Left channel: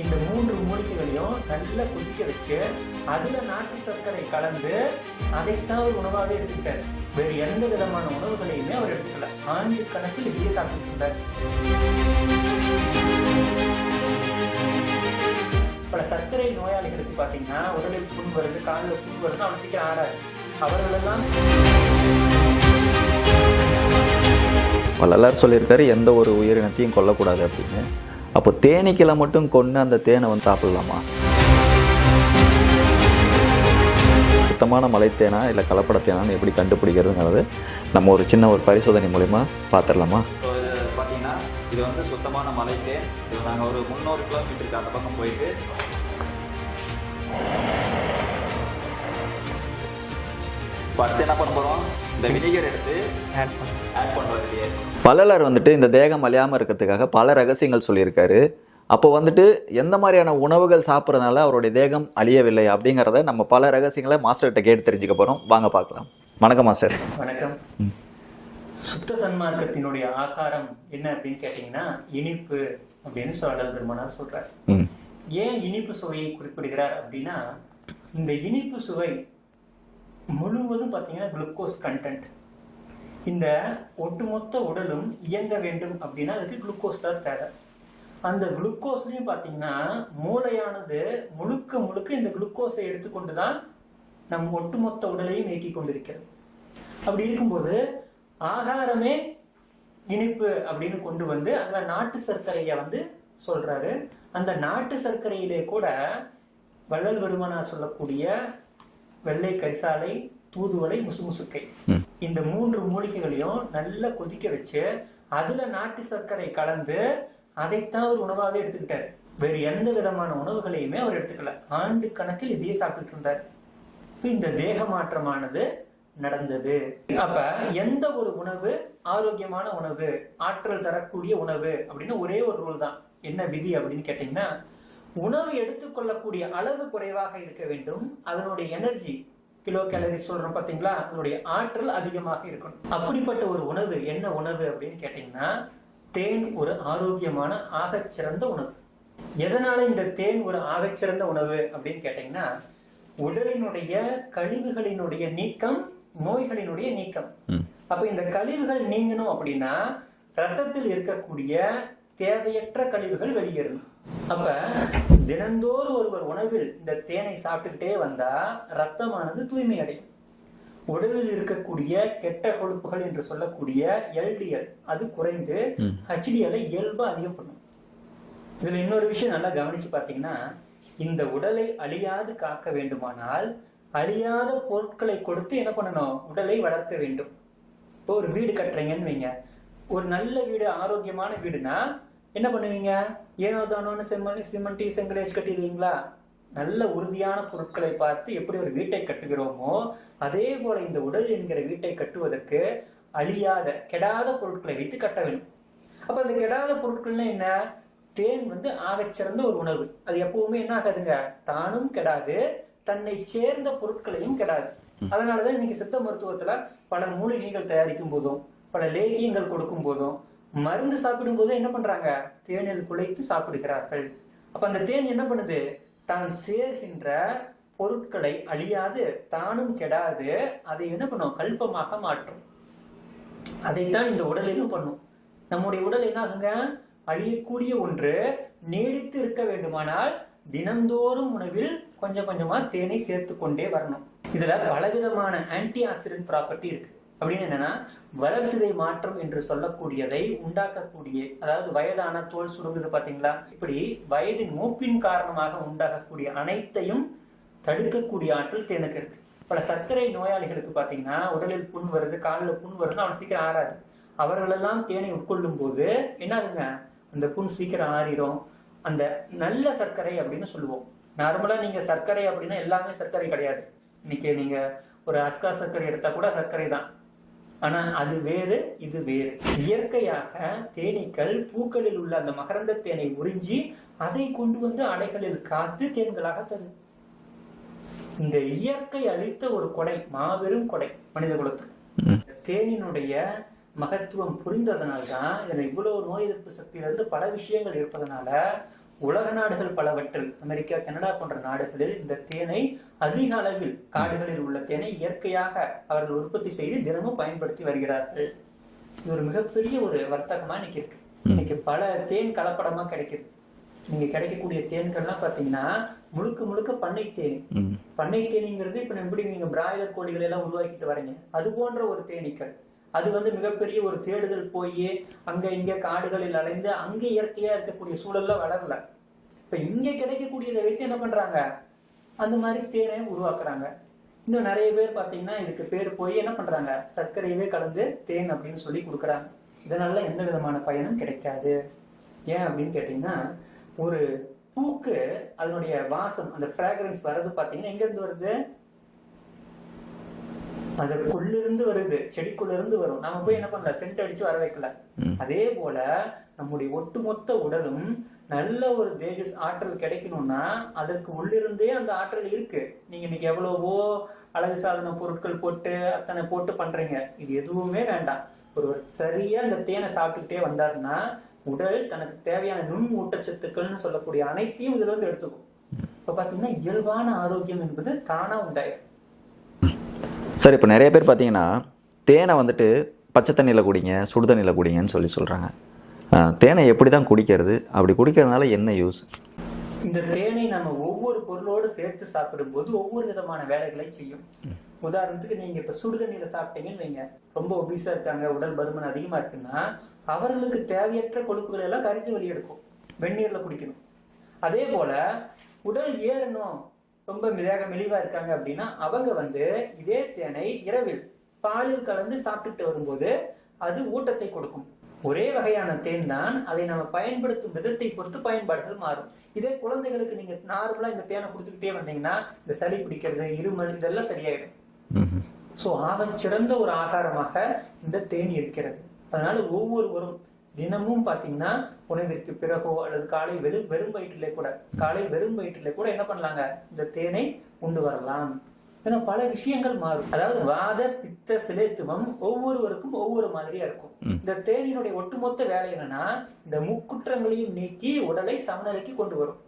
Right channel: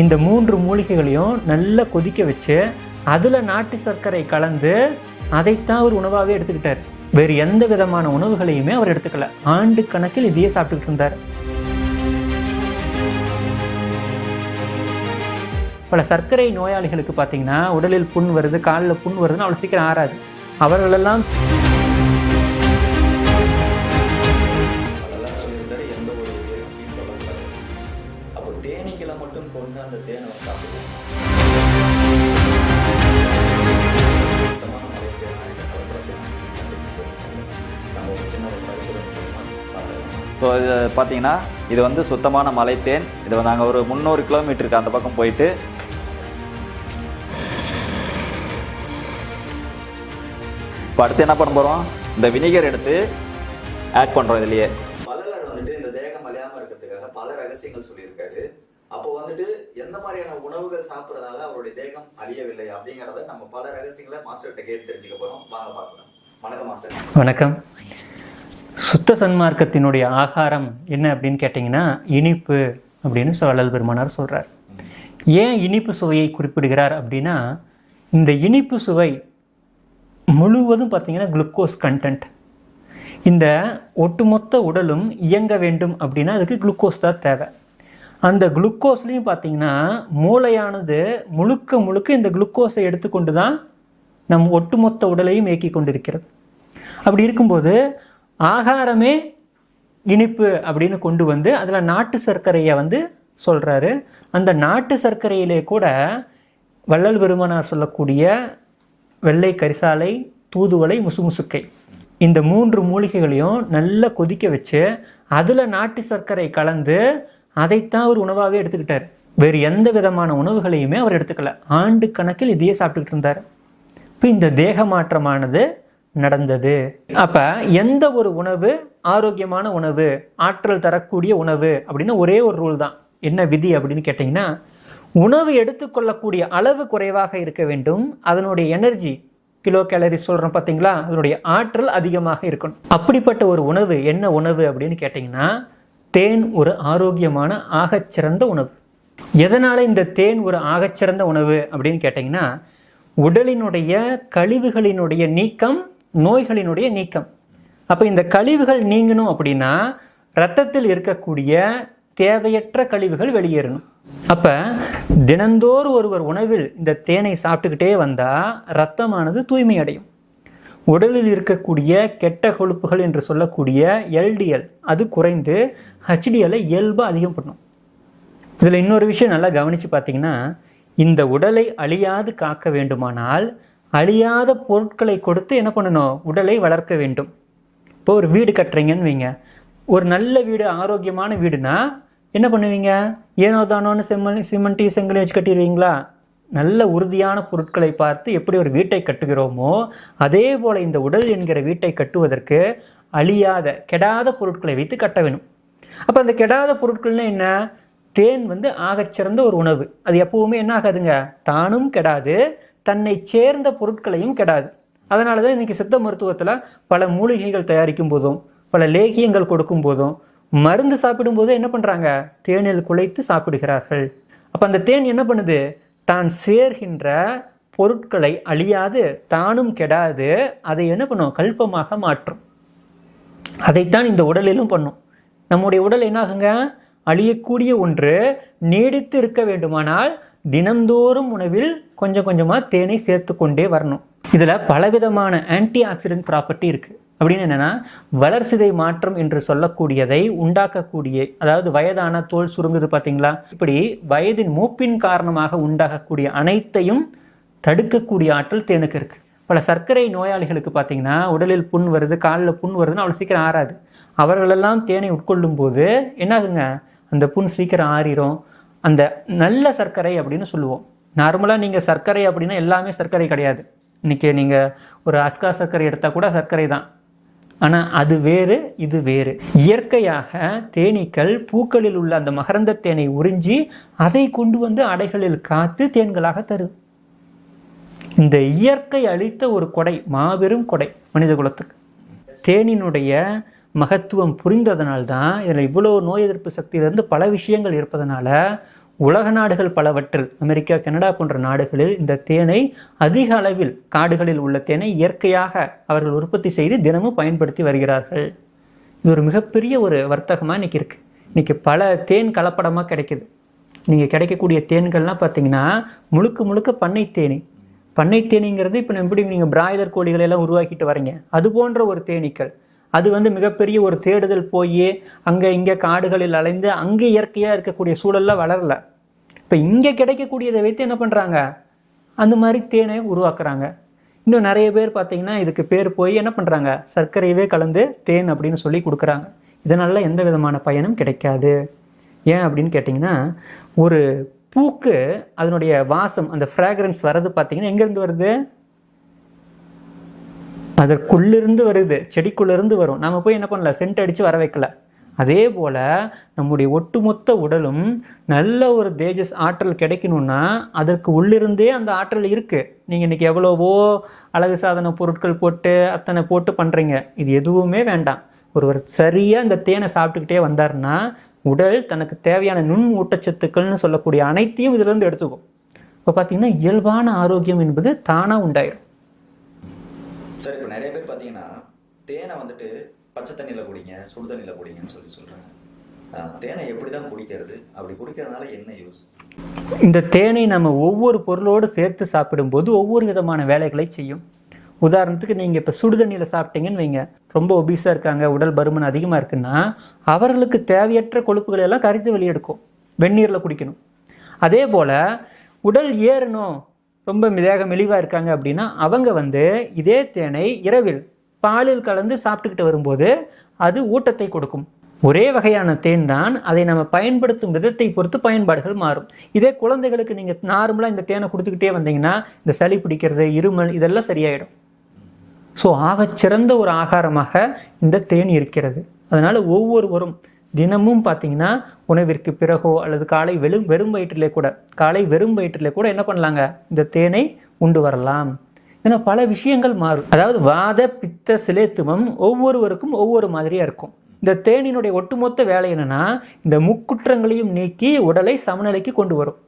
இந்த மூன்று மூலிகைகளையும் நல்லா கொதிக்க வச்சு அதில் நாட்டு சர்க்கரை கலந்து அதைத்தான் அவர் உணவாகவே எடுத்துக்கிட்டார். வேறு எந்த விதமான உணவுகளையுமே அவர் எடுத்துக்கல. ஆண்டு கணக்கில் இதையே சாப்பிட்டுக்கிட்டு இருந்தார். பல சர்க்கரை நோயாளிகளுக்கு பார்த்தீங்கன்னா உடலில் புண் வருது காலில் புண் வருதுன்னு அவ்வளோ சீக்கிரம் ஆறாது. அவர்களெல்லாம் வள்ளலார் சொல்லியிருக்காரு எந்த ஒரு உயிரினத்தையும் கொல்லக்கூடாது அப்படின்னு. அப்போ தேனீக்களை மட்டும் கொண்டு அந்த தேனை வந்து சாப்பிடலாமா? சுத்தமான மலைத்தேனா இல்லை கலப்படத்தேனான்னு எப்படி கண்டுபிடிக்கிறதுங்கிறது நம்ம ஒரு சின்ன ஒரு பரிசோதனை மூலிமா பார்த்துடலாமா? ஸோ இது பார்த்தீங்கன்னா இது வந்து சுத்தமான மலைத்தேன். இது நாங்கள் ஒரு முந்நூறு கிலோமீட்டருக்கு அந்த பக்கம் போயிட்டு. இப்போ அடுத்து என்ன பண்ண போகிறோம் இந்த வினிகர் எடுத்து ஆட் பண்ணுறோம் இதுலயே. வள்ளலார் வந்துட்டு இந்த தேகம் அழியாமல் இருக்கிறதுக்காக பல ரகசியங்கள் சொல்லியிருக்காரு. அப்போ வந்துட்டு எந்த மாதிரியான உணவுகள் சாப்பிட்றதுனால அவருடைய தேகம் அழியவில்லை அப்படிங்கிறத நம்ம பல ரகசியங்களை மாஸ்டர்கிட்ட கேட்டு தெரிஞ்சுக்க போகிறோம் வாங்க பார்க்கலாம். வணக்கம் மாஸ்டர். வணக்கம். சுத்த சன்மார்க்கத்தினுடைய ஆகாரம் என்ன அப்படின்னு கேட்டிங்கன்னா இனிப்பு அப்படின்னு வள்ளல் பெருமானார் சொல்றார். ம். ஏன் இனிப்பு சுவையை குறிப்பிடுகிறார் அப்படின்னா இந்த இனிப்பு சுவை முழுவதும் பார்த்தீங்கன்னா குளுக்கோஸ் கண்டென்ட் இந்த ஒட்டுமொத்த உடலும் இயங்க வேண்டும் அப்படின்னா அதுக்கு குளுக்கோஸ் தான் தேவை. அந்த குளுக்கோஸ்லேயும் பார்த்தீங்கன்னா மூளையானது முழுக்க முழுக்க இந்த குளுக்கோஸை எடுத்துக்கொண்டு தான் நம் ஒட்டுமொத்த உடலையும் இயக்கி கொண்டிருக்கிறது. அப்படி இருக்கும்போது ஆகாரமே இனிப்பு அப்படின்னு கொண்டு வந்து அதில் நாட்டு சர்க்கரையை வந்து சொல்கிறாரு அந்த நாட்டு சர்க்கரையிலே கூட வள்ளல் பெருமானார் சொல்லக்கூடிய வெள்ளை கரிசாலை தூதுவளை முசுமுசுக்கை. இந்த மூன்று மூலிகைகளையும் நல்லா கொதிக்க வச்சு அதில் நாட்டு சர்க்கரை கலந்து அதைத்தான் அவர் உணவாகவே எடுத்துக்கிட்டார். வேறு எந்த விதமான உணவுகளையுமே அவர் எடுத்துக்கல. ஆண்டு கணக்கில் இதையே சாப்பிட்டுக்கிட்டு இருந்தார். இப்போ இந்த தேக மாற்றமானது நடந்தது. அப்ப எந்த ஒரு உணவு ஆரோக்கியமான உணவு ஆற்றல் தரக்கூடிய உணவு அப்படின்னு ஒரே ஒரு ரூல் தான். என்ன விதி அப்படின்னு கேட்டிங்கன்னா உணவு எடுத்துக்கொள்ளக்கூடிய அளவு குறைவாக இருக்க வேண்டும். அதனுடைய எனர்ஜி கிலோ கேலரி சொல்கிறோம் பார்த்தீங்களா அதனுடைய ஆற்றல் அதிகமாக இருக்கணும். அப்படிப்பட்ட ஒரு உணவு என்ன உணவு அப்படின்னு கேட்டிங்கன்னா தேன் ஒரு ஆரோக்கியமான ஆகச்சிறந்த உணவு. எதனால இந்த தேன் ஒரு ஆகச்சிறந்த உணவு அப்படின்னு கேட்டிங்கன்னா உடலினுடைய கழிவுகளினுடைய நீக்கம் நோய்களினுடைய நீக்கம். அப்போ இந்த கழிவுகள் நீங்கணும் அப்படின்னா ரத்தத்தில் இருக்கக்கூடிய தேவையற்ற கழிவுகள் வெளியேறணும். அப்ப தினந்தோறும் ஒருவர் உணவில் இந்த தேனை சாப்பிட்டுக்கிட்டே வந்தா ரத்தமானது தூய்மை அடையும் உடலில் இருக்கக்கூடிய கெட்ட கொழுப்புகள் என்று சொல்லக்கூடிய எல்டிஎல் அது குறைந்து ஹெச்டிஎலை இயல்பாக அதிகம் பண்ணும் இதில் இன்னொரு விஷயம் நல்லா கவனித்து பார்த்தீங்கன்னா இந்த உடலை அழியாது காக்க வேண்டுமானால் அழியாத பொருட்களை கொடுத்து என்ன பண்ணணும்? உடலை வளர்க்க வேண்டும். இப்போ ஒரு வீடு கட்டுறீங்கன்னு வைங்க. ஒரு நல்ல வீடு ஆரோக்கியமான வீடுனா என்ன பண்ணுவீங்க? ஏனோ தானோன்னு செம்மண் சிமெண்ட்டி செங்கலை வச்சு கட்டிடுவீங்களா? நல்ல உறுதியான பொருட்களை பார்த்து எப்படி ஒரு வீட்டை கட்டுகிறோமோ அதே போல் இந்த உடல் என்கிற வீட்டை கட்டுவதற்கு அழியாத கெடாத பொருட்களை வைத்து கட்ட வேணும் அப்போ அந்த கெடாத பொருட்கள்னா என்ன? தேன் வந்து ஆகச்சிறந்த ஒரு உணவு. அது எப்பவுமே என்ன ஆகாதுங்க? தானும் கெடாது தன்னை சேர்ந்த பொருட்களையும் கெடாது. அதனால தான் இன்றைக்கி சித்த மருத்துவத்தில் பல மூலிகைகள் தயாரிக்கும் போதும் பல லேகியங்கள் கொடுக்கும் போதும் மருந்து சாப்பிடும் போது என்ன பண்ணுறாங்க தேனில் குலைத்து சாப்பிடுகிறார்கள். அப்போ அந்த தேன் என்ன பண்ணுது? தான் சேர்கின்ற பொருட்களை அழியாது தானும் கெடாது அதை என்ன பண்ணும்? கல்பமாக மாற்றும். அதைத்தான் இந்த உடலிலும் பண்ணும். நம்முடைய உடல் என்னாகுங்க? அழியக்கூடிய ஒன்று. நீடித்து இருக்க வேண்டுமானால் தினந்தோறும் உணவில் கொஞ்சம் கொஞ்சமாக தேனை சேர்த்து கொண்டே வரணும். இதில் பலவிதமான ஆன்டி ஆக்சிடென்ட் ப்ராப்பர்ட்டி இருக்குது அப்படின்னு என்னென்னா வளர்சிதை மாற்றம் என்று சொல்லக்கூடியதை உண்டாக்கக்கூடிய அதாவது வயதான தோல் சுருங்குது பார்த்தீங்களா? இப்படி வயதின் மூப்பின் காரணமாக உண்டாகக்கூடிய அனைத்தையும் தடுக்கக்கூடிய ஆற்றல் தேனுக்கு இருக்குது பல சர்க்கரை நோயாளிகளுக்கு பார்த்தீங்கன்னா உடலில் புண் வருது காலில் புண் வருதுன்னு அவ்வளோ சீக்கிரம் ஆறாது. அவர்களெல்லாம் தேனை உட்கொள்ளும் போது என்னாகுங்க? அந்த புண் சீக்கிரம் ஆறிடும் அந்த நல்ல சர்க்கரை அப்படின்னு சொல்லுவோம். நார்மலாக நீங்கள் சர்க்கரை அப்படின்னா எல்லாமே சர்க்கரை கிடையாது. இன்னைக்கு நீங்கள் ஒரு அஸ்கா சர்க்கரை எடுத்தால் கூட சர்க்கரை தான். ஆனால் அது வேறு இது வேறு. இயற்கையாக தேனீக்கள் பூக்களில் உள்ள அந்த மகரந்த தேனை உறிஞ்சி அதை கொண்டு வந்து அடைகளில் காத்து தேன்களாக தரும் இந்த இயற்கை அளித்த ஒரு கொடை மாபெரும் கொடை மனித குலத்துக்கு தேனினுடைய மகத்துவம் புரிந்ததனால்தான் இதில் இவ்வளோ நோய் எதிர்ப்பு சக்தியிலிருந்து பல விஷயங்கள் இருப்பதனால உலக நாடுகள் பலவற்றில் அமெரிக்கா கனடா போன்ற நாடுகளில் இந்த தேனை அதிக அளவில் காடுகளில் உள்ள தேனை இயற்கையாக அவர்கள் உற்பத்தி செய்து தினமும் பயன்படுத்தி வருகிறார்கள். இது ஒரு மிகப்பெரிய ஒரு வர்த்தகமா இன்னைக்கு இருக்கு. இன்னைக்கு பல தேன் கலப்படமா கிடைக்குது. நீங்க கிடைக்கக்கூடிய தேன்கள்லாம் பார்த்தீங்கன்னா முழுக்க முழுக்க பண்ணை தேனி. பண்ணை தேனீங்கிறது இப்போ எப்படி நீங்கள் பிராய்லர் கோழிகளை எல்லாம் உருவாக்கிட்டு வரீங்க? அது போன்ற ஒரு தேனீக்கள். அது வந்து மிகப்பெரிய ஒரு தேடுதல் போய் அங்கே இங்கே காடுகளில் அலைந்து அங்கே இயற்கையாக இருக்கக்கூடிய சூழல்ல வளரல. இப்போ இங்கே கிடைக்கக்கூடியதை வைத்து என்ன பண்ணுறாங்க அந்த மாதிரி தேனை உருவாக்குறாங்க. இன்னும் நிறைய பேர் பார்த்தீங்கன்னா இதுக்கு பேர் போய் என்ன பண்ணுறாங்க சர்க்கரையவே கலந்து தேன் அப்படின்னு சொல்லி கொடுக்குறாங்க. இதனால் எந்த விதமான பயனும் கிடைக்காது. ஏன் அப்படின்னு கேட்டிங்கன்னா ஒரு பூக்கு அதனுடைய வாசம் அந்த ஃப்ராக்ரன்ஸ் வர்றது பார்த்தீங்கன்னா எங்கேருந்து வருது? அதற்குள்ளிருந்து வருது செடிக்குள்ளிருந்து வரும். நாம போய் என்ன பண்ணல சென்ட் அடிச்சு வர வைக்கல. அதே போல நம்முடைய ஒட்டுமொத்த உடலும் நல்ல ஒரு தேஜஸ் ஆற்றல் கிடைக்கணும்னா அதற்கு உள்ளிருந்தே அந்த ஆற்றல் இருக்கு. நீங்க இன்னைக்கு எவ்வளவோ அழகு சாதன பொருட்கள் போட்டு அத்தனை போட்டு பண்றீங்க. இது எதுவுமே வேண்டாம். ஒருவர் சரியா இந்த தேனை சாப்பிட்டுக்கிட்டே வந்தாருன்னா உடல் தனக்கு தேவையான நுண் ஊட்டச்சத்துக்கள்னு சொல்லக்கூடிய அனைத்தையும் இதுல இருந்து எடுத்துக்கும். இப்போ பார்த்தீங்கன்னா இயல்பான ஆரோக்கியம் என்பது தானா உண்டாயிரும். சார் இப்போ நிறைய பேர் பார்த்தீங்கன்னா தேனை வந்துட்டு பச்சை தண்ணியில் குடிங்க சுடு தண்ணியில் குடிங்கன்னு சொல்லி சொல்கிறாங்க தேனை எப்படி தான் குடிக்கிறது? அப்படி குடிக்கிறதுனால என்ன யூஸ் இந்த தேனை நம்ம ஒவ்வொரு பொருளோடு சேர்த்து சாப்பிடும்போது ஒவ்வொரு விதமான வேலைகளை செய்யும். உதாரணத்துக்கு நீங்கள் இப்போ சுடுதண்ணியில் சாப்பிட்டீங்கன்னு வைங்க. ரொம்ப ஒபீஸாக இருக்காங்க உடல் பருமன் அதிகமாக இருக்குன்னா அவர்களுக்கு தேவையற்ற கொழுப்புகளை எல்லாம் கரித்து வெளியெடுக்கும். வெந்நீரில் குடிக்கணும். அதே போல் உடல் ஏறணும் ரொம்ப தேக மெலிவாக இருக்காங்க அப்படின்னா அவங்க வந்து இதே தேனை இரவில் பாலில் கலந்து சாப்பிட்டுக்கிட்டு வரும்போது அது ஊட்டத்தை கொடுக்கும். ஒரே வகையான தேன் தான் அதை நம்ம பயன்படுத்தும் விதத்தை பொறுத்து பயன்பாடுகள் மாறும். இதே குழந்தைகளுக்கு நீங்கள் நார்மலாக இந்த தேனை கொடுத்துக்கிட்டே வந்தீங்கன்னா இந்த சளி பிடிக்கிறது இருமல் இதெல்லாம் சரியாயிடும். ஸோ ஆகச்சிறந்த ஒரு ஆகாரமாக இந்த தேன் இருக்கிறது. அதனால ஒவ்வொருவரும் தினமும் பார்த்தீங்கன்னா உணவிற்கு பிறகோ அல்லது காலை வெறும் வெறும் வயிற்றிலே கூட காலை வெறும் வயிற்றிலே கூட என்ன பண்ணலாங்க? இந்த தேனை உண்டு வரலாம். ஏன்னா பல விஷயங்கள் மாறும். அதாவது வாத பித்த சிலேத்துவம் ஒவ்வொருவருக்கும் ஒவ்வொரு மாதிரியா இருக்கும். இந்த தேனினுடைய ஒட்டுமொத்த வேலை என்னன்னா இந்த முக்குற்றங்களையும் நீக்கி உடலை சமநிலைக்கு கொண்டு வரும்.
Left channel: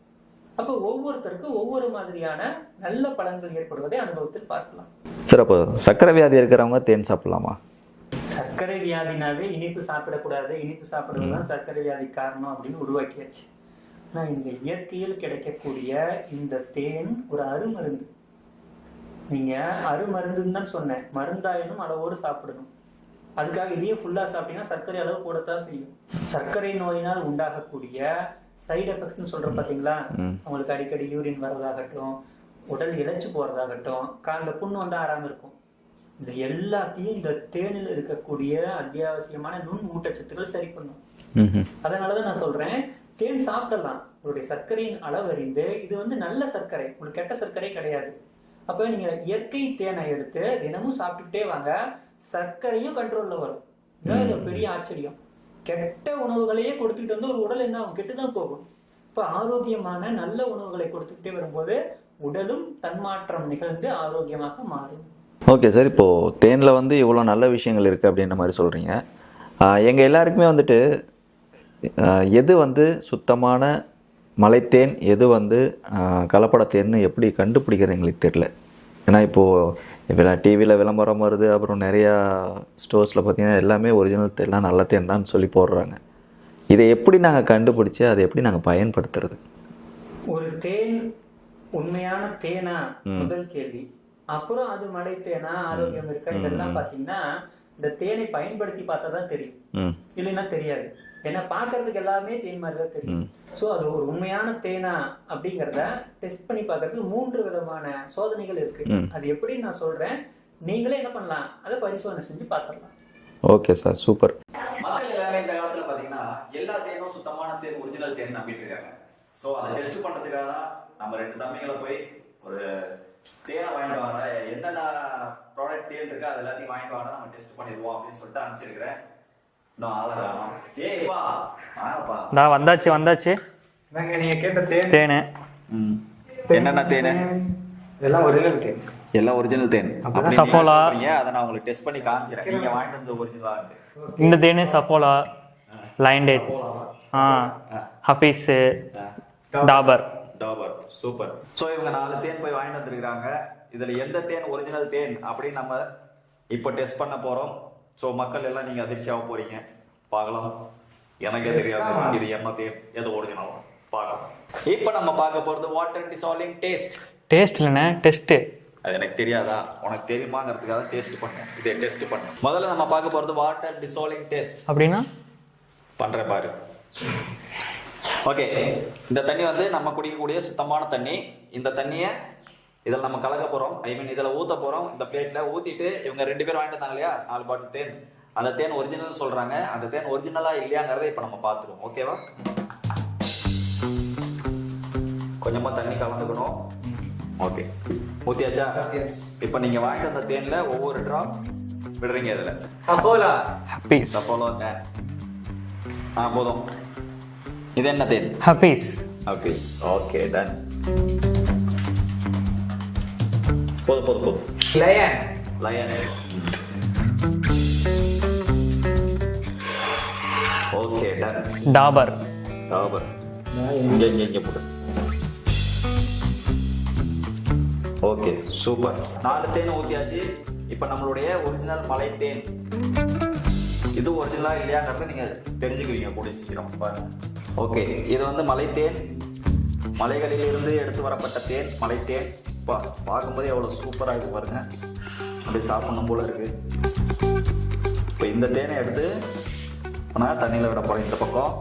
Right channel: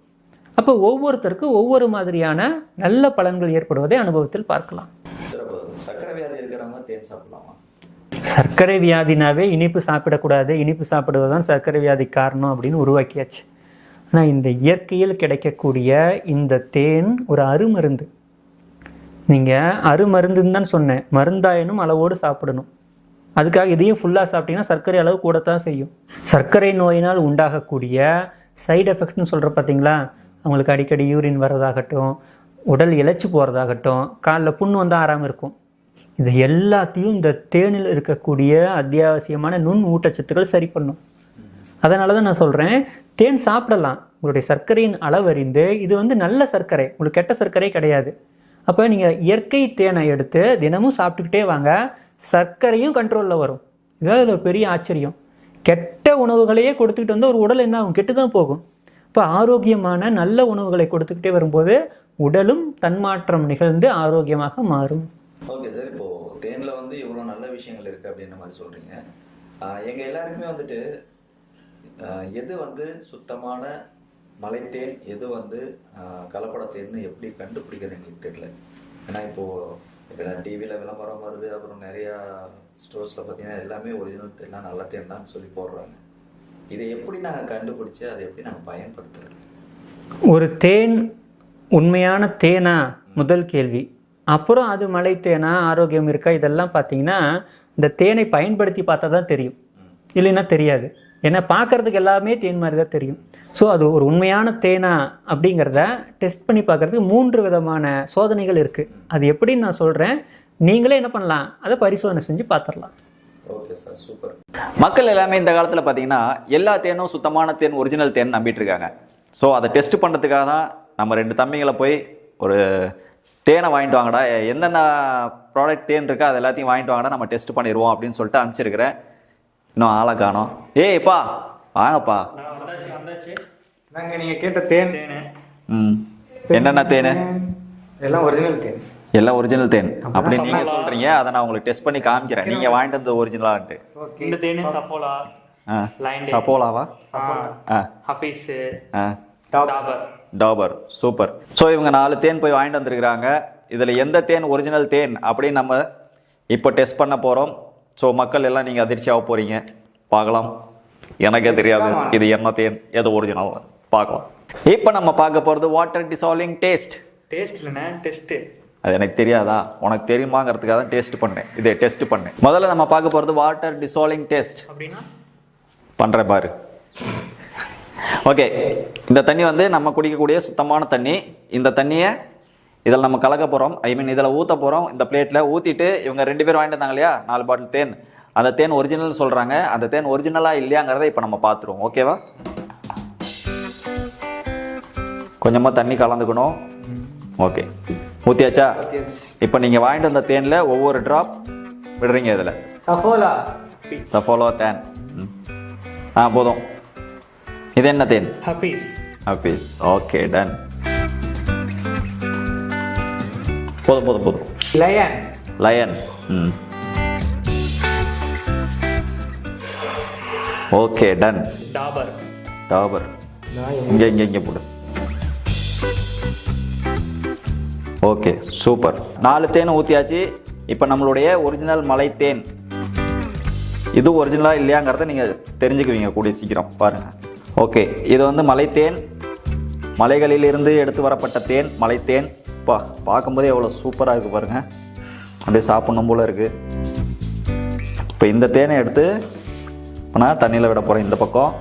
அப்போ ஒவ்வொருத்தருக்கும் ஒவ்வொரு மாதிரியான நல்ல பலன்கள் ஏற்படுவதை அனுபவத்தில் பார்க்கலாம். சார் அப்போ சர்க்கரை வியாதி இருக்கிறவங்க தேன் சாப்பிடலாமா? சர்க்கரை வியாதினாவே இனிப்பு சாப்பிடக்கூடாது இனிப்பு சாப்பிடுவது தான் சர்க்கரை வியாதி காரணம் அப்படின்னு உருவாக்கியாச்சு. ஆனால் இந்த இயற்கையில் கிடைக்கக்கூடிய இந்த தேன் ஒரு அருமருந்து. நீங்கள் அருமருந்துன்னு தான் சொன்னேன். மருந்தாயனும் அளவோடு சாப்பிடணும். அதுக்காக இதையும் ஃபுல்லாக சாப்பிட்டீங்கன்னா சர்க்கரை அளவு கூடத்தான் செய்யும். சர்க்கரை நோயினால் உண்டாகக்கூடிய சைடு எஃபெக்ட்னு சொல்கிற பார்த்தீங்களா அவங்களுக்கு அடிக்கடி யூரின் வர்றதாகட்டும் உடல் இளைச்சு போகிறதாகட்டும் காலில் புண்ணு வந்தால் ஆறாமல் இருக்கும். இது எல்லாத்தையும் இந்த தேனில் இருக்கக்கூடிய அத்தியாவசியமான நுண் ஊட்டச்சத்துக்கள் சரி பண்ணும். அதனால தான் நான் சொல்கிறேன் தேன் சாப்பிடலாம். உங்களுடைய சர்க்கரையின் அளவறிந்து இது வந்து நல்ல சர்க்கரை. உங்களுக்கு கெட்ட சர்க்கரை கிடையாது. அப்போ நீங்கள் இயற்கை தேனை எடுத்து தினமும் சாப்பிட்டுக்கிட்டே வாங்க. சர்க்கரையும் கண்ட்ரோலில் வரும். இதாவது இதுல ஒரு பெரிய ஆச்சரியம். கெட்ட உணவுகளையே கொடுத்துக்கிட்டு வந்து ஒரு உடல் என்ன ஆகும்? கெட்டு தான் போகும். இப்போ ஆரோக்கியமான நல்ல உணவுகளை கொடுத்துக்கிட்டே வரும்போது உடலும் தன்மாற்றம் நிகழ்ந்து ஆரோக்கியமாக மாறும். ஓகே சார் இப்போது தேனில் வந்து இவ்வளோ நல்ல விஷயங்கள் இருக்குது அப்படின்ற மாதிரி சொல்கிறீங்க எங்கள் எல்லாருக்குமே வந்துட்டு எது வந்து சுத்தமான மலைத்தேன் எது வந்து கலப்படத்தேன்னு எப்படி கண்டுபிடிக்கிறது எங்களுக்கு தெரியல. ஏன்னா இப்போது இப்போ டிவியில் விளம்பரம் வருது அப்புறம் நிறையா ஸ்டோர்ஸில் பார்த்தீங்கன்னா எல்லாமே ஒரிஜினல் தேன்லாம் நல்ல தேன் தான் சொல்லி போடுறாங்க. இதை எப்படி நாங்கள் கண்டுபிடிச்சி அதை எப்படி நாங்கள் பயன்படுத்துறது? ஒரு தேன் உண்மையான தேனா? முதல் கேள்வி. அப்புறம் அது மலை தேனா ஆரோக்கியம் இருக்கா இதெல்லாம் பார்த்தீங்கன்னா இந்த தேனை பயன்படுத்தி பார்த்தா தான் தெரியும். ம். இல்லைன்னா தெரியாது. ஏன்னா பார்க்கறதுக்கு எல்லாமே தேன் மாதிரி தான் தெரியும் ஸோ அது ஒரு உண்மையான தேனா அப்படிங்கிறத டெஸ்ட் பண்ணி பார்க்கறதுக்கு மூன்று விதமான சோதனைகள் இருக்கு. அது எப்படின்னு நான் சொல்றேன். நீங்களே என்ன பண்ணலாம்? அதை பரிசோதனை செஞ்சு பார்த்துடலாம் ஓகே சார் சூப்பர். மக்கள் எல்லாமே இந்த காலத்தில் பார்த்தீங்கன்னா எல்லா தேனும் சுத்தமான தேன் ஒரிஜினல் தேன் நம்பிட்டு இருக்காங்க. ஸோ அதை டெஸ்ட் பண்ணுறதுக்காக தான் நம்ம ரெண்டு தம்பிங்களை போய் ஒரு தேனை வாங்கிட்டு வாங்கடா. என்னென்ன ப்ராடக்ட் தேன் இருக்கோ அது எல்லாத்தையும் வாங்கிட்டு வாங்கடா. நம்ம டெஸ்ட் பண்ணிடுவோம் அப்படின்னு சொல்லிட்டு அனுப்பிச்சிருக்கிறேன். இன்னும் ஆளை காணோம். ஏய்ப்பா வாங்கப்பா. நான் வந்தாச்சு வந்தாச்சு. நாங்க நீங்க கேட்ட தேன்? தேனு. ம். என்னென்ன தேன்? எல்லாம் ஒரிஜினல் தேன். எல்லாம் ஒரிஜினல் தேன். அப்படி நீங்க சொல்றீங்க அதை நான் உங்களுக்கு டெஸ்ட் பண்ணி காமிக்கிறேன். நீங்க வாங்கிட்டு வந்த ஒரிஜினலான்ட்டு இந்த தேனு சஃபோலா. ஆ. லைன் சப்போலாவா ஆ. ஆ. ஹபீஸு ஆ. டாபர் டாபர் சூப்பர். ஸோ இவங்க நாலு தேன் போய் வாங்கிட்டு வந்திருக்கிறாங்க. இதில் எந்த தேன் ஒரிஜினல் தேன் அப்படின்னு நம்ம இப்போ டெஸ்ட் பண்ண போகிறோம் ஸோ மக்கள் எல்லாம் நீங்கள் அதிர்ச்சியாக போகிறீங்க பார்க்கலாம். எனக்கே தெரியாது இது என்ன தேன் எது ஒரிஜினல் பார்க்கலாம். இப்போ நம்ம பார்க்க போகிறது வாட்டர் டிசால்விங் டேஸ்ட் டேஸ்ட் இல்லைண்ணே டெஸ்ட்டு அது எனக்கு தெரியாதா? உனக்கு தெரியுமாங்கிறதுக்காக தான் டேஸ்ட் பண்ணேன். இது டெஸ்ட் பண்ணேன். முதல்ல நம்ம பார்க்க போகிறது வாட்டர் டிசால்விங் டெஸ்ட் அப்படின்னா? பண்ணுறேன் பாரு. ஓகே இந்த தண்ணி வந்து நம்ம குடிக்கக்கூடிய சுத்தமான தண்ணி. இந்த தண்ணியை இதில் நம்ம கலக்க போகிறோம் ஐ மீன் இதில் ஊற்ற போகிறோம் இந்த பிளேட்டில் ஊற்றிட்டு இவங்க ரெண்டு பேர் வாங்கிட்டு வந்தாங்க இல்லையா? நாலு பாட்டில் தேன். அந்த தேன் ஒரிஜினல் சொல்கிறாங்க அந்த தேன் ஒரிஜினலாக இல்லையாங்கிறத இப்போ நம்ம பார்த்துருவோம். ஓகேவா கொஞ்சமாக தண்ணி கலந்துக்கணும். ஓகே ஊற்றியாச்சா இப்போ நீங்கள் வாங்கிட்டு வந்த தேனில் ஒவ்வொரு ட்ராப் விடுறீங்க இதில். சஃபோலா ஹப்பீஸ் சஃபாலோ தேன். ஆ போதும். இது என்ன தேன் ஹப்பீஸ் ஆஃபீஸ் ஓகே டன் போதும் போதும் போதும் லயன் லயன் ம் ஓகே டன் டாபர் டாபர் இங்கே இங்கே இங்கே போடு ஓகே சூப்பர் நாலு தேனை ஊற்றியாச்சு இப்போ நம்மளுடைய ஒரிஜினல் மலை தேன் இது ஒரிஜினலாக இல்லையாங்கிறத நீங்கள் தெரிஞ்சுக்குவீங்க கூடிய சீக்கிரம் பாருங்க ஓகே இது வந்து மலைத்தேன். மலைகளில் இருந்து எடுத்து வரப்பட்ட தேன் மலைத்தேன். பா பார்க்கும்போதே எவ்வளோ சூப்பராக இருக்குது பாருங்கள் அப்படியே சாப்பிடணும் போல இருக்குது இப்போ இந்த தேனை எடுத்து நான் தண்ணியில் விட போகிறேன் இந்த பக்கம்.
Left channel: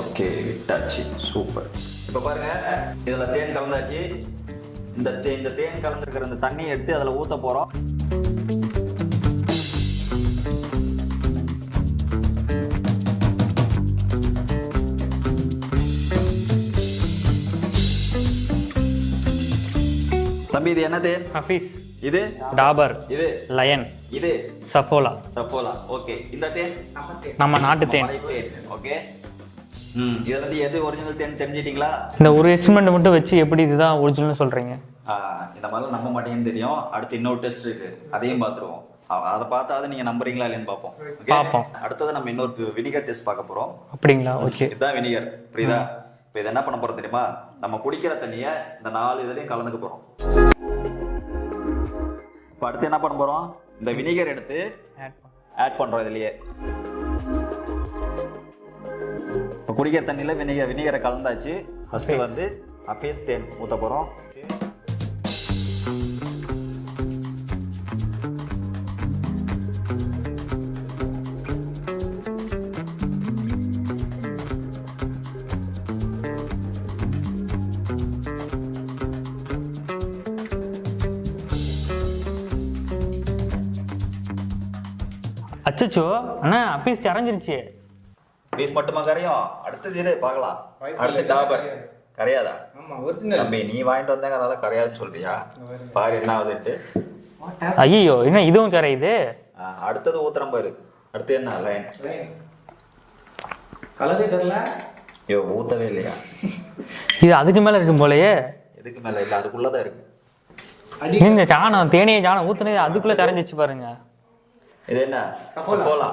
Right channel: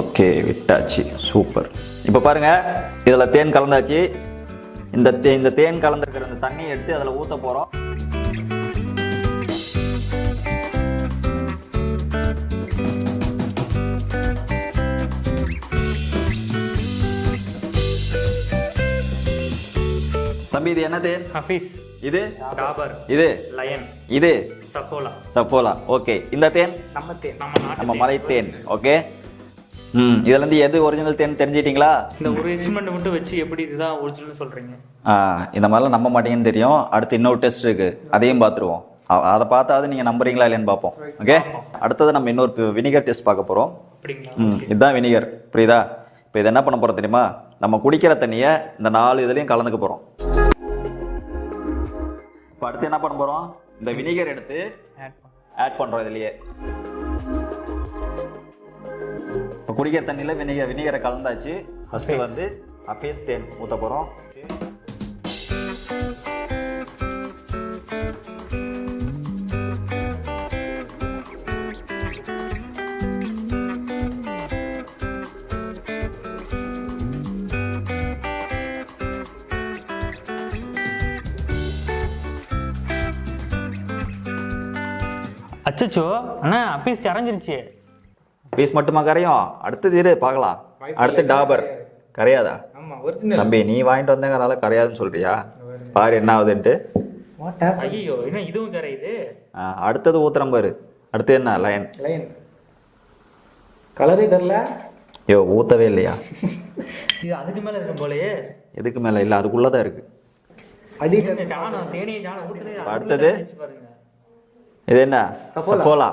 ஓகே விட்டாச்சு. சூப்பர். இப்போ பாருங்க இதில் தேன் கலந்தாச்சு. இந்த தே இந்த தேன் கலந்துருக்கிற இந்த தண்ணியை எடுத்து அதில் ஊற்ற போகிறோம் தம்பி இது என்ன தேன் ஹப்பீஸ் இது? டாபர். இது? லயன். இது? சஃபோலா. சப்போலா ஓகே. இந்த தேன்? நம்ம நாட்டு தேன். மலை தேன். ஓகே. ம் இதுல இருந்து எது ஒரிஜினல் தேன் தெரிஞ்சிட்டீங்களா? இந்த ஒரு எக்ஸ்பெரிமெண்ட் மட்டும் வச்சு எப்படி இதுதான் ஒரிஜினல் சொல்றீங்க? இந்த மாதிரிலாம் நம்ப மாட்டீங்கன்னு தெரியும். அடுத்து இன்னொரு டெஸ்ட் இருக்கு. அதையும் பார்த்துருவோம். அதை பார்த்தாவது நீங்க நம்புறீங்களா இல்லையான்னு பார்ப்போம். ஓகே. அடுத்தது நம்ம இன்னொரு வினிகர் டெஸ்ட் பார்க்க போறோம். அப்படிங்களா? இதுதான் வினிகர் புரியுதா? இப்போ இது என்ன பண்ண போறோம் தெரியுமா? நம்ம குடிக்கிற தண்ணியை இந்த நாலு இதுலயும் கலந்துக்க போறோம். இப்போ அடுத்து என்ன பண்ண போறோம்? இந்த வினிகர் எடுத்து ஆட் பண்றோம் இதுலயே. இப்போ குடிக்கிற தண்ணியில வினிகர் வினிகரை கலந்தாச்சு. ஃபர்ஸ்ட் வந்து அப்பேஸ் தேன் ஊத்த போறோம். அச்சச்சோ. அண்ணா அப்பீஸ் கரைஞ்சிருச்சு. பீஸ் மட்டுமா கரையும்? அடுத்தது இரு பார்க்கலாம். அடுத்து டாபர். கரையாதா? தம்பி நீ வாங்கிட்டு வந்தேங்கிறனால கரையாதுன்னு சொல்றியா? பாரு என்ன ஆகுதுன்ட்டு. ஐயோ என்ன இதுவும் கரையுது? அடுத்தது ஊத்துறம் பாரு. அடுத்து என்ன? லைன் லைன் கலரே தரல ஐயோ ஊத்தவே இல்லையா? இது அதுக்கு மேல இருக்கும் போலயே. எதுக்கு மேல? இல்ல அதுக்குள்ளதான் இருக்கு. சாணம் தேனியை சாணம் ஊத்துனது அதுக்குள்ள கரைஞ்சிச்சு பாருங்க. இது என்ன? சஃபோலா.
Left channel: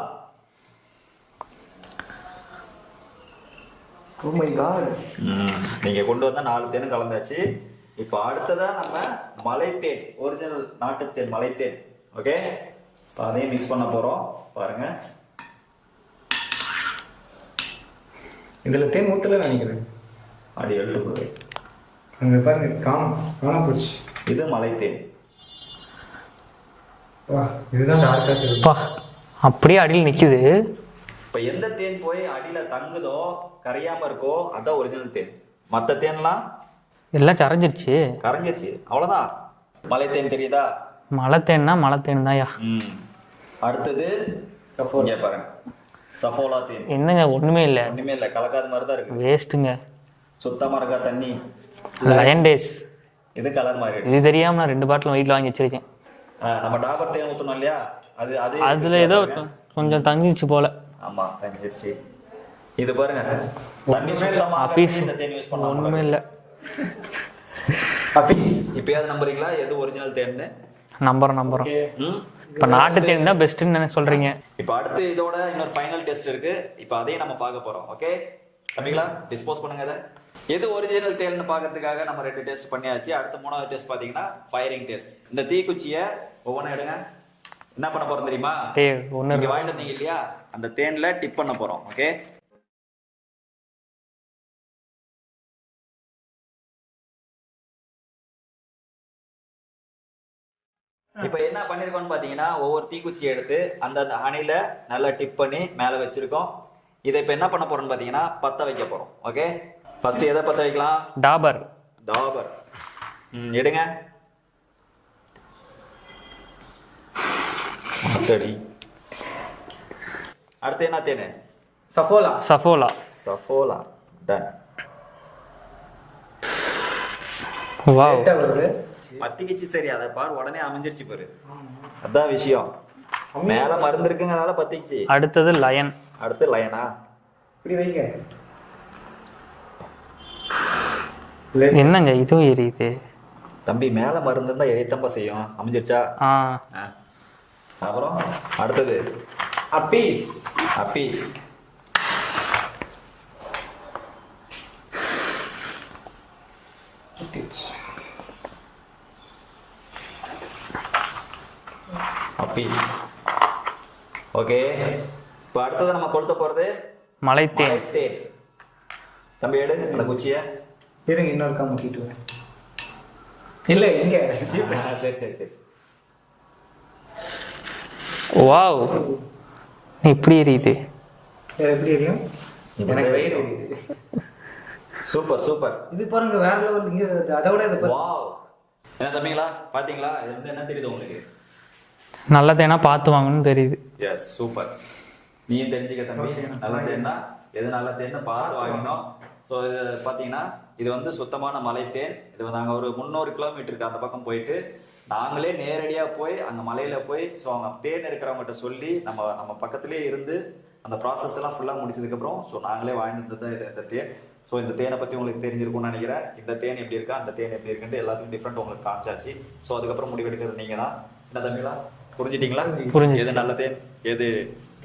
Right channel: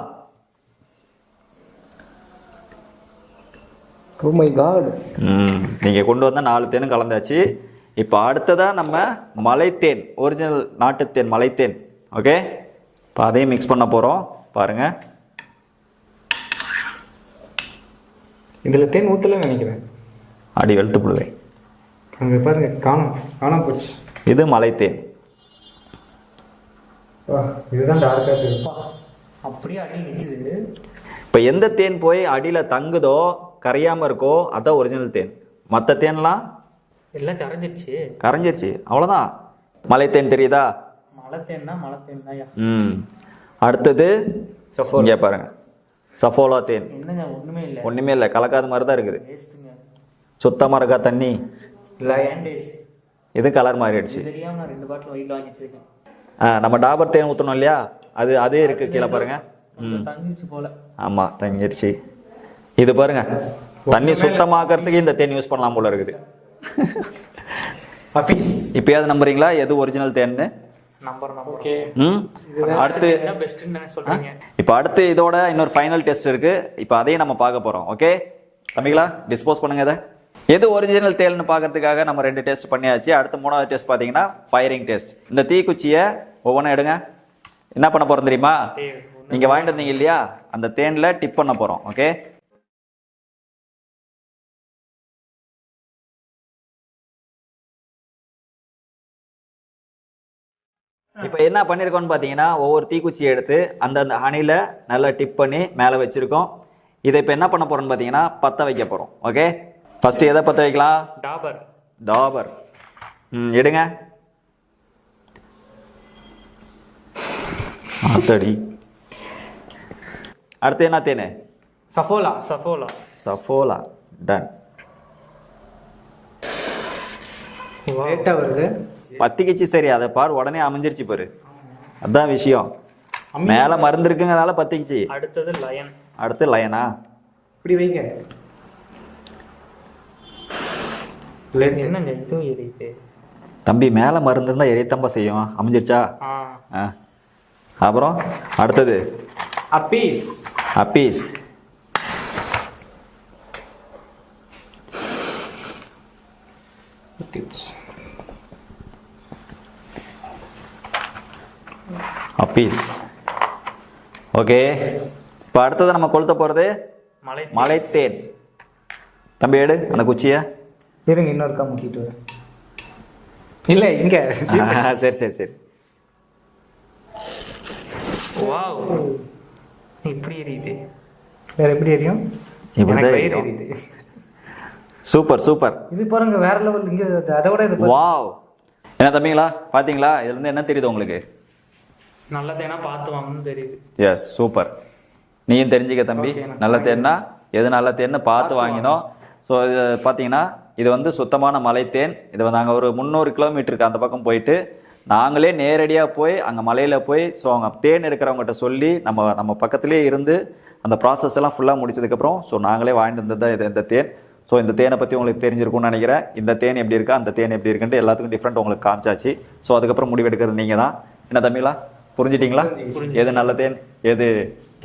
ஓ மை காட் ம் நீங்க கொண்டு வந்த நாலு தேனும் கலந்தாச்சு. இப்போ அடுத்ததா நம்ம மலைத்தேன் ஒரிஜினல் நாட்டுத்தேன் மலைத்தேன். ஓகே இப்போ அதையும் மிக்ஸ் பண்ண போறோம். பாருங்க. இதுல தேன் ஊத்தல நினைக்கிறேன். அடி வெளுத்து போடுவேன் அங்க பாருங்க காணோம் காணாம போச்சு. இது மலைத்தேன். இதுதான் அப்படியே அடியில் நிக்குது. இப்போ எந்த தேன் போய் அடியில் தங்குதோ கரையாம இருக்கோ அதான் ஒரிஜினல் தேன். மற்ற தேன்லாம்? எல்லாம் கரைஞ்சிருச்சு. கரைஞ்சிருச்சு. அவ்வளோதான் மலைத்தேன் தெரியுதா? மலை தேன்னா மலை தேன் தான்யா ம். அடுத்தது இங்கே பாருங்க சஃபோலா தேன். என்னங்க ஒண்ணுமே இல்லை. ஒன்றுமே இல்லை. கலக்காத மாதிரி தான் இருக்குது. வேஸ்ட்டுங்க. சுத்தமாக இருக்கா தண்ணி? லயன் டேஸ் இது கலர் மாறிடுச்சு. இது தெரியாம நான் ரெண்டு பாட்டில் வீட்டில் வாங்கி வச்சிருக்கேன். நம்ம டாபர் தேன் ஊற்றணும் இல்லையா? அது அது அதுல ஏதோ கொஞ்சம் தங்கிச்சு போல. ஆமாம் தங்கிடுச்சு இது பாருங்க. தண்ணி சுத்தமாக்கிறதுக்கு இந்த தேன் யூஸ் பண்ணலாம் போல இருக்கு. இப்பயாவது நம்புறீங்களா? எது ஒரிஜினல் தேன்னு? நம்புறோம் நம்புறோம். ம். இப்போ நாட்டு தேன் தான் பெஸ்ட்டுன்னு சொல்றீங்க? இப்போ அடுத்து இதோட இன்னொரு ஃபைனல் டெஸ்ட் இருக்கு. இப்போ அதையும் நம்ம பார்க்க போறோம். ஓகே தம்பிங்களா டிஸ்போஸ் பண்ணுங்க இதை. எது ஒரிஜினல் தேல்னு பார்க்கறதுக்காக நம்ம ரெண்டு டெஸ்ட் பண்ணியாச்சு. அடுத்து மூணாவது டெஸ்ட் பார்த்தீங்கன்னா ஃபயரிங் டெஸ்ட் இந்த தீக்குச்சியை ஒவ்வொன்றும் எடுங்க. என்ன பண்ண போறோம் தெரியுமா? நீங்க வாங்கிட்டு வந்தீங்க இல்லையா? அந்த தேன்ல டிப் பண்ண போறோம். ஓகே இப்போ என்ன பண்ணியிருக்கோம்னு பார்த்தீங்கன்னா ஒவ்வொரு தீக்குச்சியை எடுத்து அந்த அந்த அணில நல்லா டிப் பண்ணி மேலே வச்சிருக்கோம். இதை இப்போ என்ன பண்ண போறோம்னு பார்த்தீங்கன்னா பற்ற வைக்க போறோம். ஓகே ஃபர்ஸ்ட் எதை பற்ற வைக்கலாம்? டாபர் டாபர் ம் எடுங்க. சரி அடுத்து என்ன தேனு? சஃபோலா சஃபோலா சஃபோலா டன் பத்திக்கிச்சு சரி அதை பாரு உடனே அமைஞ்சிருச்சு பாரு. அதான் விஷயம். மேல மருந்து இருக்குங்கிறதால பத்திக்கிச்சு. அடுத்தது லயன் அடுத்து லயனா இப்படி வைங்க. என்னங்க இதுவும் எரியுது? தம்பி மேல மருந்து இருந்தா எரியத்தம்பா செய்யும். அமைஞ்சிருச்சா? ஆ. ஆ. அப்புறம் அடுத்தது. அப்பீஸ் அப்பீஸ் அப்பீஸ் ஓகே இப்போ அடுத்தது நம்ம கொளுத்த போறது? மலை மலைத்தேன். தம்பி எடு. அந்த குச்சியை. இருங்க இன்னொருக்கா முட்டிட்டு வரேன். இல்லை இங்க. சரி சரி சரி. வாவ். இப்படி எரியுது. வேற எப்படி எரியும். Super super. இது பாருங்க வேற லெவல் இங்க அதை விட இது பாருங்க. வாவ். என்ன தம்பிங்களா? பாத்தீங்களா? இதுல இருந்து என்ன தெரியுது உங்களுக்கு? நல்ல தேனா பார்த்து வாங்கணும்னு தெரியுது. Yes super. நீயும் தெரிஞ்சுக்க தம்பி. நல்ல தேன்னா எது நல்ல தேன்னு பார்த்து வாங்கினோம். ஸோ இது பார்த்தீங்கன்னா இது வந்து சுத்தமான மலைத்தேன். இது நாங்கள் ஒரு முந்நூறு கிலோமீட்டருக்கு அந்த பக்கம் போயிட்டு நாங்களே நேரடியாக போய் அங்கே மலையில் போய் ஸோ அவங்க தேன் எடுக்கிறவங்ககிட்ட சொல்லி நம்ம நம்ம பக்கத்துலேயே இருந்து அந்த ப்ராசஸ் எல்லாம் ஃபுல்லாக முடிச்சதுக்கப்புறம் ஸோ நாங்களே வாங்கிட்டு வந்தது தான் இது இந்த தேன். ஸோ இந்த தேனை பற்றி உங்களுக்கு தெரிஞ்சிருக்கும்னு நினைக்கிறேன். இந்த தேன் எப்படி இருக்கா அந்த தேன் எப்படி இருக்குன்ட்டு எல்லாத்துக்கும் டிஃப்ரெண்ட் உங்களுக்கு காமிச்சாச்சு. ஸோ அதுக்கப்புறம் முடிவெடுக்கிறது நீங்கள் தான் என்ன தம்பிங்களா புரிஞ்சிட்டீங்களா? எது நல்ல தேன் எது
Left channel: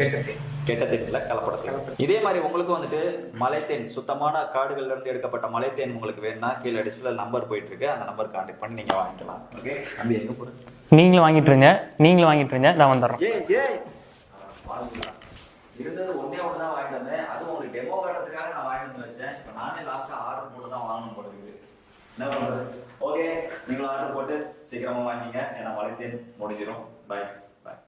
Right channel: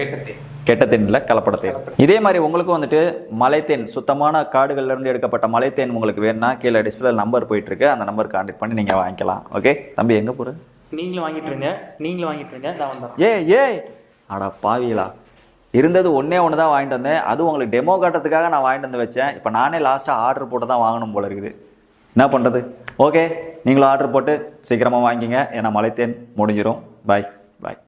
கெட்டது. கெட்ட தேன்ல கலப்பட தேன் இதே மாதிரி உங்களுக்கும் வந்துட்டு மலைத்தேன் சுத்தமான காடுகள்ல இருந்து எடுக்கப்பட்ட மலைத்தேன் உங்களுக்கு வேணும்னா கீழே டிஸ்பிளே நம்பர் போயிட்டு இருக்கு அந்த நம்பர் கான்டாக்ட் பண்ணி நீங்க வாங்கிக்கலாம். ஓகே தம்பி எங்க போற? நீங்களும் வாங்கிட்டு இருங்க. நீங்களும் வாங்கிட்டு இருங்க. நான் வந்துடுறோம் ஏ ஏ அடா பாவிகளா. இருந்தது ஒண்ணே ஒன்று தான் வாங்கிட்டு வந்தேன். அது உங்களுக்கு டெமோ காட்டுறதுக்காக நான் வாங்கிட்டு வந்து வச்சேன். இப்போ நானே லாஸ்ட்டாக ஆர்டர் போட்டு தான் வாங்கணும் போல இருக்குது. என்ன பண்ணுறது ஓகே நீங்களும் ஆர்டர் போட்டு சீக்கிரமாக வாங்கிங்க. ஏன்னா மலைத்தேன் முடிஞ்சிரும். பாய் பாய்